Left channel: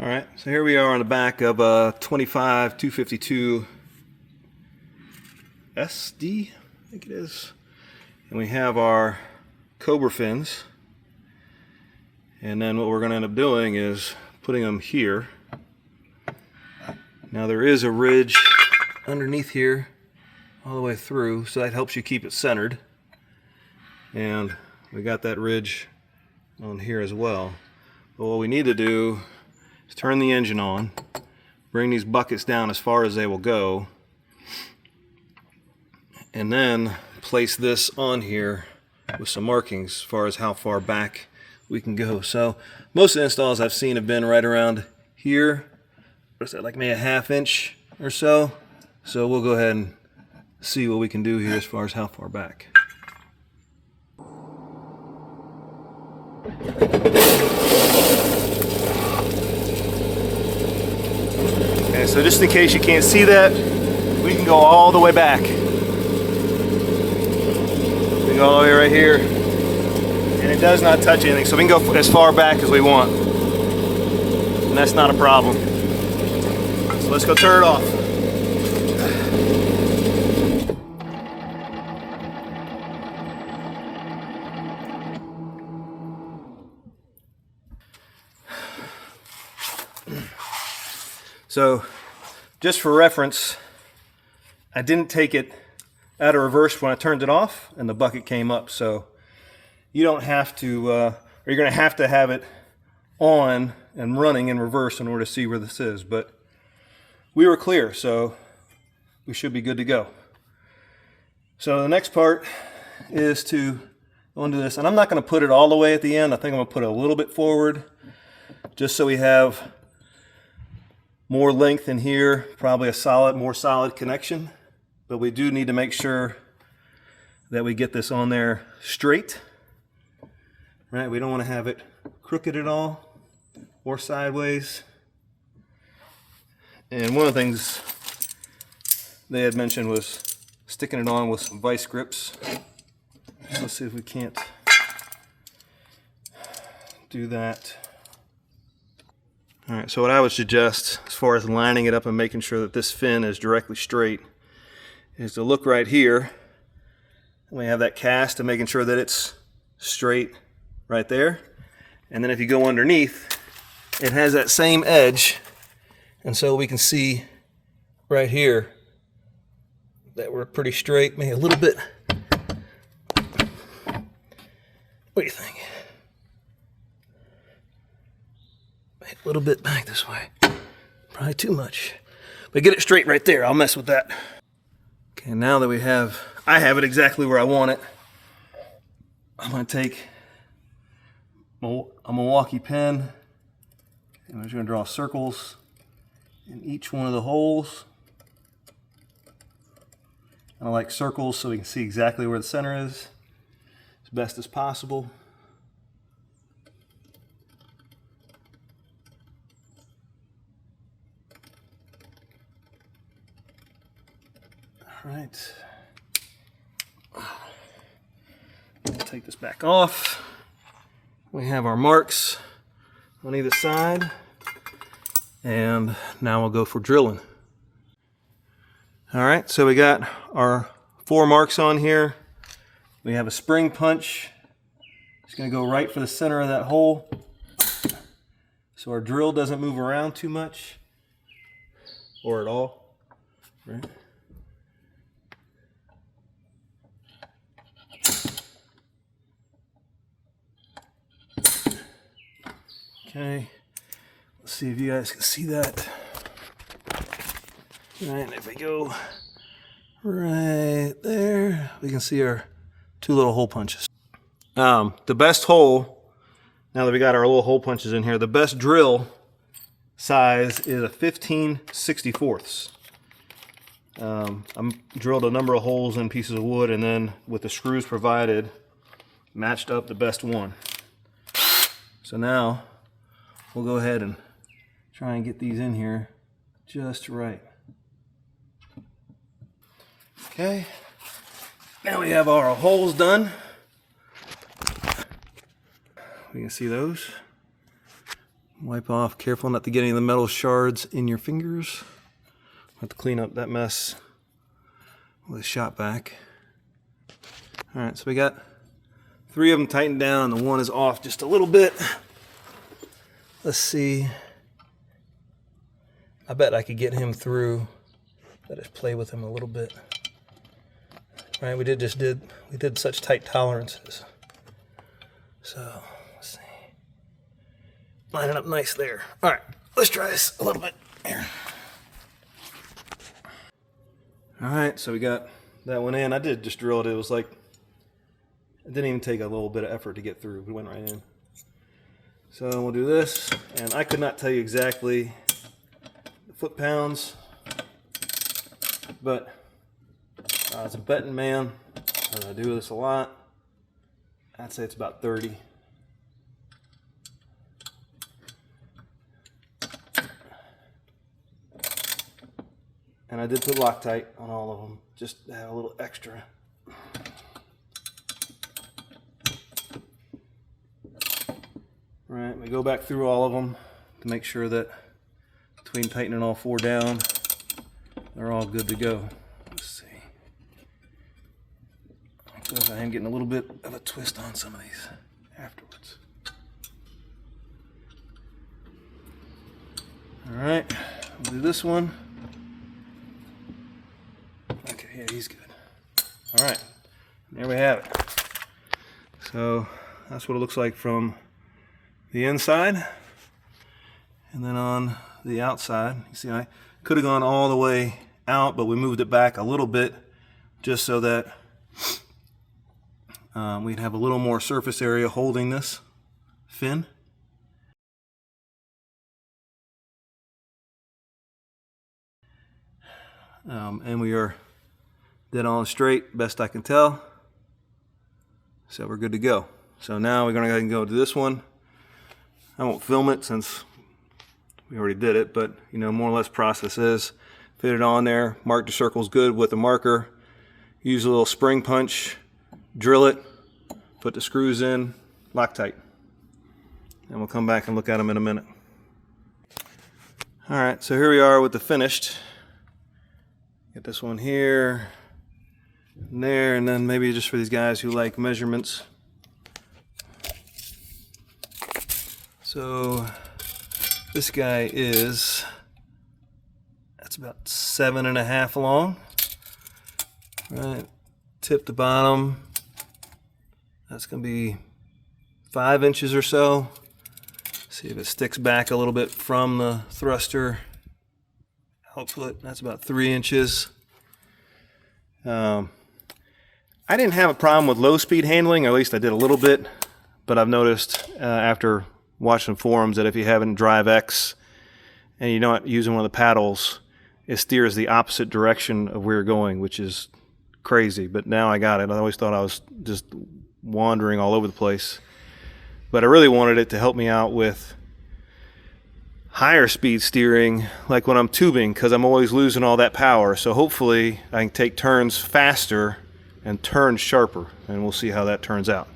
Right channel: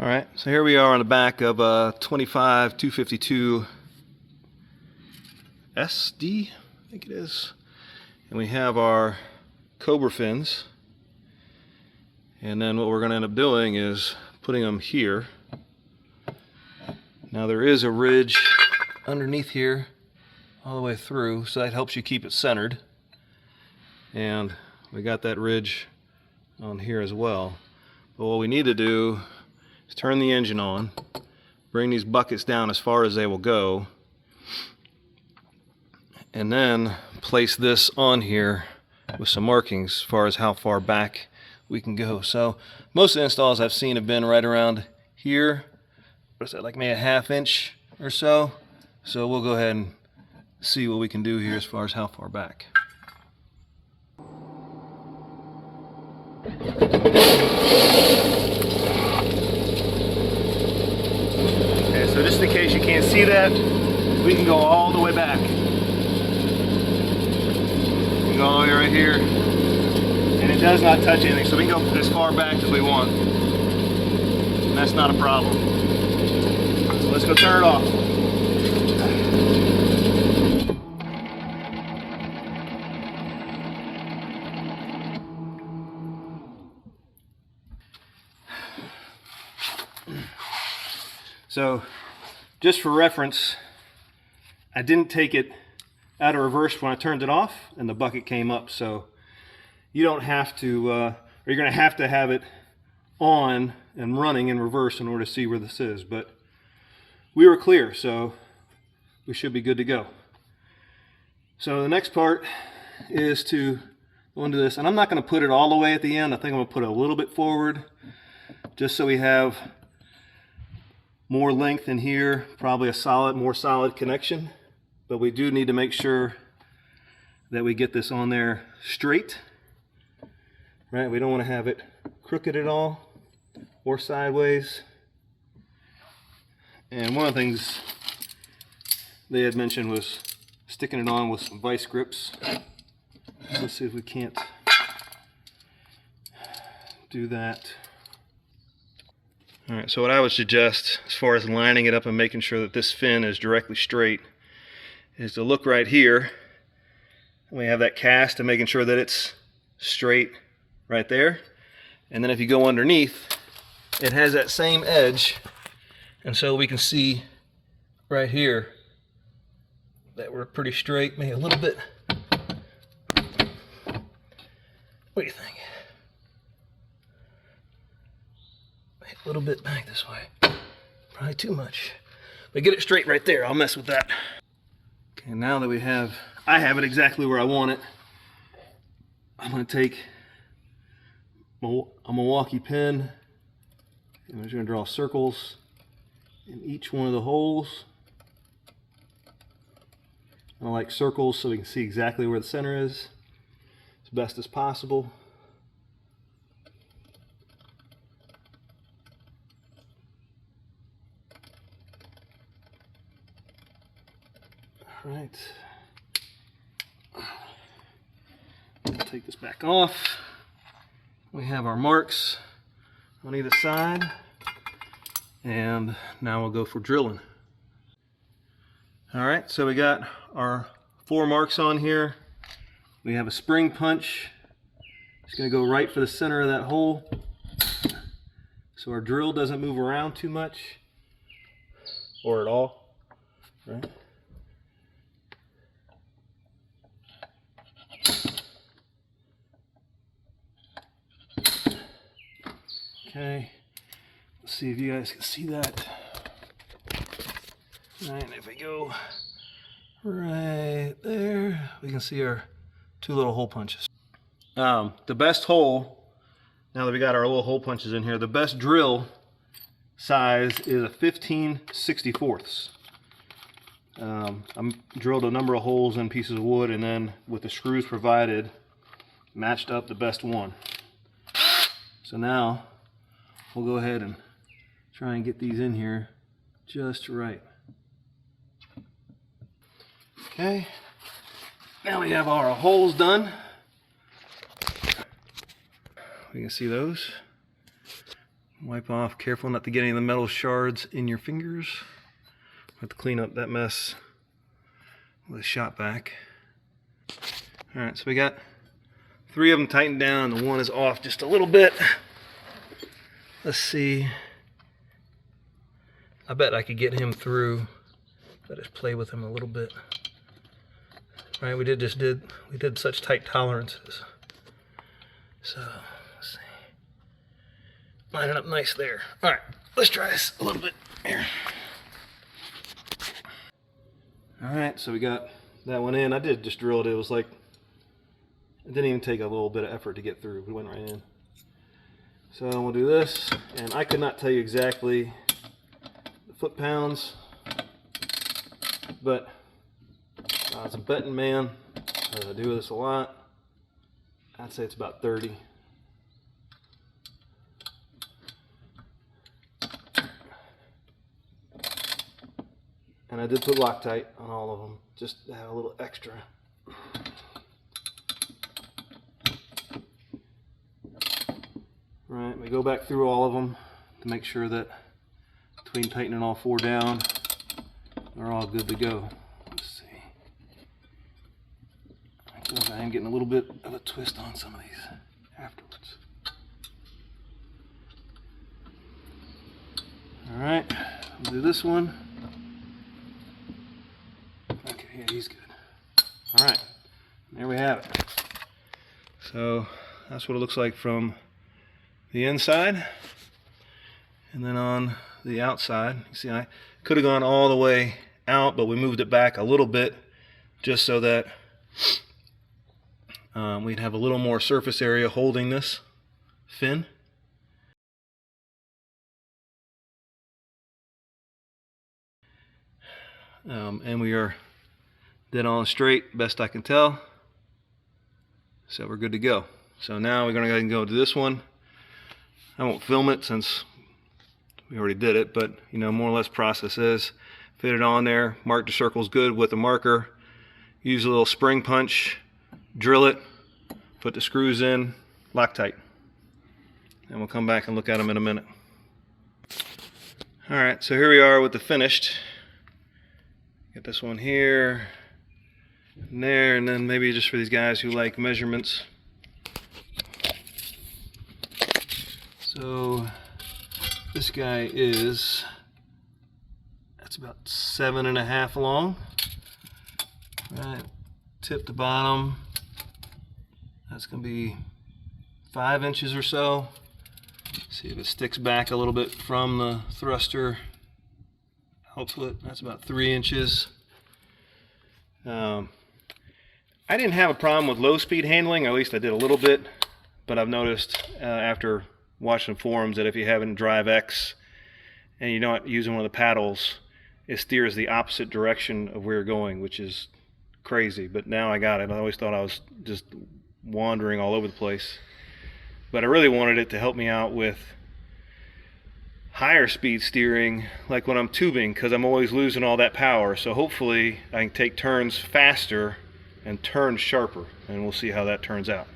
All right, so here we are on the back of a 25 252 SD, I think it is. And we have our Cobra fins. And then what we're going to end up doing is putting them here. Now there is a ridge underneath here all the way through, so that helps you keep it centered. And we got that ridge on here as well. But what we need to do is turn the engine on, bring these buckets down as far as they will go, and then place this on here with some markings as far as how far back we can go. So most of the installs I've seen have been right around here. What's that, like maybe a ½ inch or so? So we'll go ahead and see what we can do here as far as how far back. Okay, so just in case you can't see that, we can go all the way back. We can go all the way right here. And it does not touch anything, so we can go as far back as we want. And that's not a problem. So let's go turn it off. So, just for reference, I didn't take it out of reverse when I turned it off, and the bucket came up. So, you don't have to, or you're going to have it on and running in reverse in order to see where this is. But we were clear, so we should be good to go. So the next part is to go into this, and I'm not going to put it all the way at the end. I think I'm going to put it a little bit forward, just so we have more length in here, probably a more solid connection. But we do need to make sure that we get this on there straight. Right? We don't want to have it crooked at all or sideways. And one of the things they had mentioned was sticking it on with some vice grips. Let's see if we can't do that. All right, so what I would suggest as far as lining it up and making sure that this fin is directly straight is to look right here. We have that cast and making sure that it's straight right there. And then if you go underneath, it has that same edge. And so we can see right here that we're pretty straight, maybe a little bit. What do you think? A little bit back this way. Probably too much. But get it straight right there. I'll mess with that. Okay, now that I have it exactly where I want it, I'm going to take a Milwaukee pen, and I'm just going to draw circles in each one of the holes. I like circles so we can see exactly where the center is as best as possible. All right. Take this back off. We have our marks on either side, and now we'll go for drilling. All right, so we got our 4 marks on here. We have a spring punch. It's going to go right for the center of that hole, so our drill doesn't move around too much or at all. Right? Okay, let's see if you guys can see that. And if we go right there, we can see our 2 little hole punches. The best hole, now that we got our little hole punches in here, the best drill size is a 15/64. I'm drilled a number of holes in pieces of wood, and then with the screws provided, matched up the best one. So now we'll go ahead and try and get these in here just right. Okay, now we have our holes done. We can see those. Wipe off, careful not to get any of the metal shards in your fingers. Have to clean up that mess with a shop vac. All right, so we got 3 of them tightened down, the one is off just a little bit. Let's see. I bet I could get him through. Let us play with him a little bit. All right, we did such tight tolerances. So let's see. Line it up nice there. All right, let's try this a little bit here. All right, so we got that one in. I did just drill it. It was like, it didn't even take a little bit of effort to get through. We went right in. So we'll do this, and I could not tell you exactly the foot-pounds, but as a betting man, I do this a lot, I'd say it's about 30. And I did put Loctite on all of them, just to have a little extra. All right, we go back through all of them to make sure that between tightening all 4 down, they're all good to go. Let's see. I feel like I am getting a little bit of a twist on some of these afterwards. All right, we'll do this one. Okay, yeah, he's good. All right, there we have it. So that's what it looks like from the inside. And then on the outside, you see I could have gone all the way out, but we moved it back a little bit just so that we'd have a little more surface area holding this fin. And we are dead on straight, best I can tell. So we're good to go. So now we're going to go ahead and go to this one. I won't film it since we already did it, but you know, more or less process is fit it on there, mark the circles good with a marker, use a little spring punch, drill it, put the screws in, Loctite. And we'll come back and look at them in a minute. All right, so here we are with the finished. Get this one here, and there, and then maybe just for these guys who like measurements. So this guy is, that's about 7.5 long. Right, tip to bottom, that's gonna be 5 inches or so. See if it sticks back a little bit from the thruster output. That's about 3 inches. I didn't have a problem with low speed handling, or at least I did a little bit, but I've noticed after watching forums that if you have it in Drive X and you're not using one of the paddles, it steers the opposite direction of where you're going, which is crazy. But now I got it. I always thought I was just wandering all over the place, but I really wanted it to help me out with higher speed steering, like when I'm tubing, because I'm always losing all that power. So hopefully I can take turns faster and turn sharper, and we'll see how that turns out.